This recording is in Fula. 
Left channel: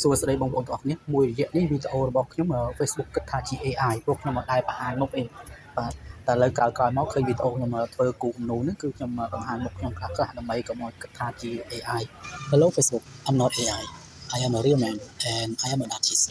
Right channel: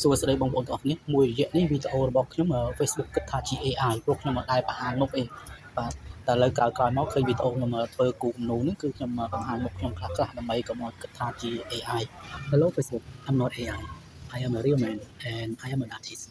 សួស្តីបងប្អូនទាំងអស់គ្នាមួយរយៈនេះវីដេអូរបស់ខ្ញុំ Facebook គិតថាជា AI ព្រោះខ្ញុំមិនដែលបង្ហាញមុខទេបាទតែឥឡូវក្រោយៗមកឃើញវីដេអូខ្ញុំធ្វើគូគំនូរនេះគឺខ្ញុំបង្ហាញមុខខ្ញុំខ្លះៗដើម្បីកុំឲ្យគិតថាជា AI Hello Facebook I'm not AI I am a real man and I am an artist